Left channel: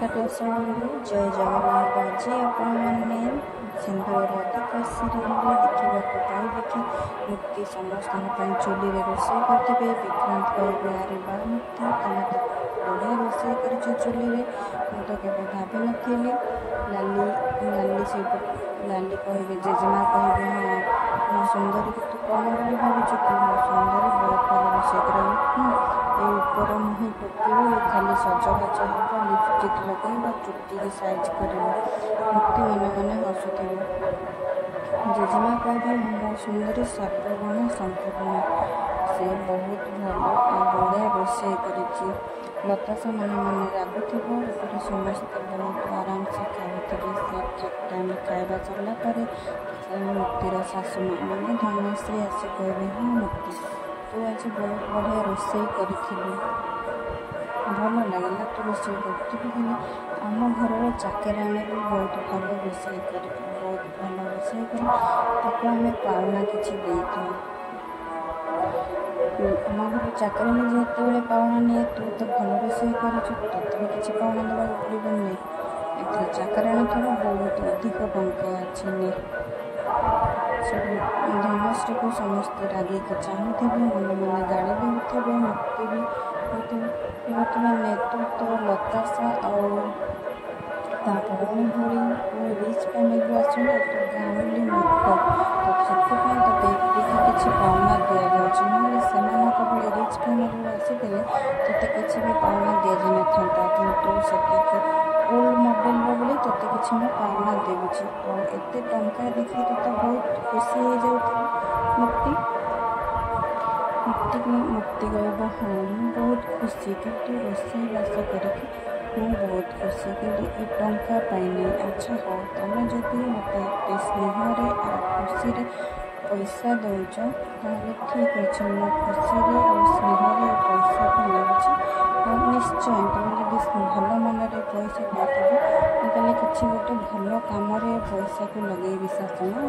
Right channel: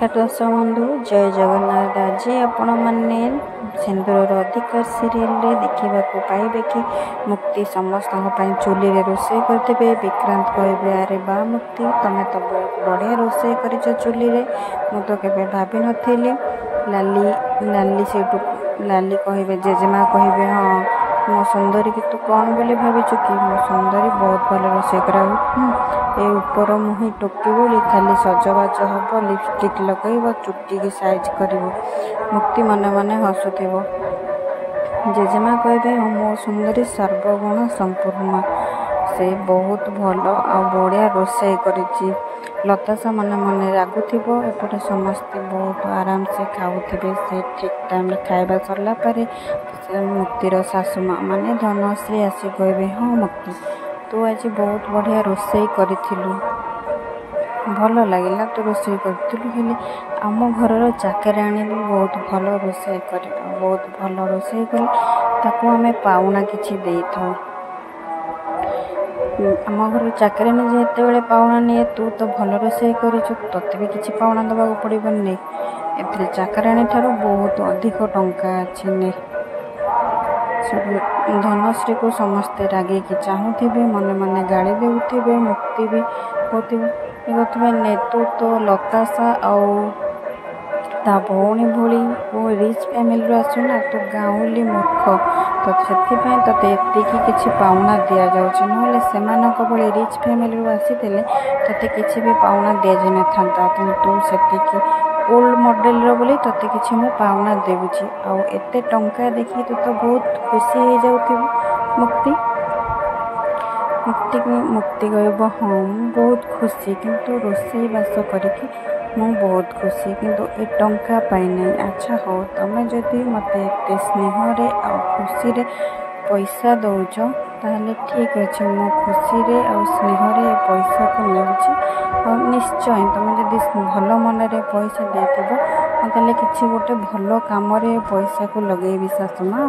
नमस्कार दर्शक बंधु जय जगन्नाथ। आज आपण मैंने सिंदूर अधिकार सीरियल देखा पाइबे कि मुक्ति समस्त चूली रोषे करते। विक्रांत कहे अरे बा मुक्ति तुम तो बहुत बढ़िया रोषे कर चूली मु तो केवे भाभी नी। लाली से लाली कहे जेजेमा कहे हाँ मो सुंदरी कि तू कौन बोली भाविचु कि मो सुंदरी बहुत भल रोषे कर ऊपर मुही टोपी बोली खाली सजबाज हम लिपस्टिक लगेब चुटी की साइज कर मुक्ति मन मन हसुव। जेजेमा कहे मो सुंदरी सर्वगुण संपूर्ण से बहुत भल आ बढ़िया रोषे करी। लताशा मन मन रागुव एपटे समस्ते बहुत आराम से खाऊे। से ठीक टाइम खाଇବା सरला पारे मुक्तिर सासू माँ माने धनश्री आसी कहे हाँ मुक्ति तू आज बहुत बढ़िया रोषे करूँ भल लगे तू रोषे करूँ आम घर चाकराणी भी बहुत भल रोषे कर बहुत भल रोषे कर ताकू आम पाउना किसी दे था आम घर चाकराणी जिते बड़े पाउना नहीं तू तो भल रोषे कर तोते भी किसी पाउना दबा पड़ो नहीं ए चाकराणी ठार बहुत अधिक टंका अच्छी नहीं धनश्री को समस्ते रागे चाहूथे मन मन गाड़ी देते मुक्ति भी होते नेतु तो लताशा ता भौणी भोली वो रिच फैमिली आसुना तो गाँवली मूर्ख तो से किसी पाउना दि जाऊँ ना से रिच फैमिली आसी ते किसी भी पाउना दि जान था किंतु से ओल्ड मॉडल बोली तोते किसी मैं पाउना देवुची आते टंका देखी तो बहुत खुशी हो जाती मुक्ति मुक्ति कह हाँ बहुत खुशी किंतु रोषे बास करके मु बहुत खुशी किंतु ए टंका पाई। अच्छा हो तुम जदि मत स्नेह आ खुशी पैसा दौच ताहले ठीक अच्छे मो खुशी और स्नेह पैसा को नौची निश्चय तुम जब भल मन पैसा देते किसी गोटे भल कम पैसा को लगे सासू माँ।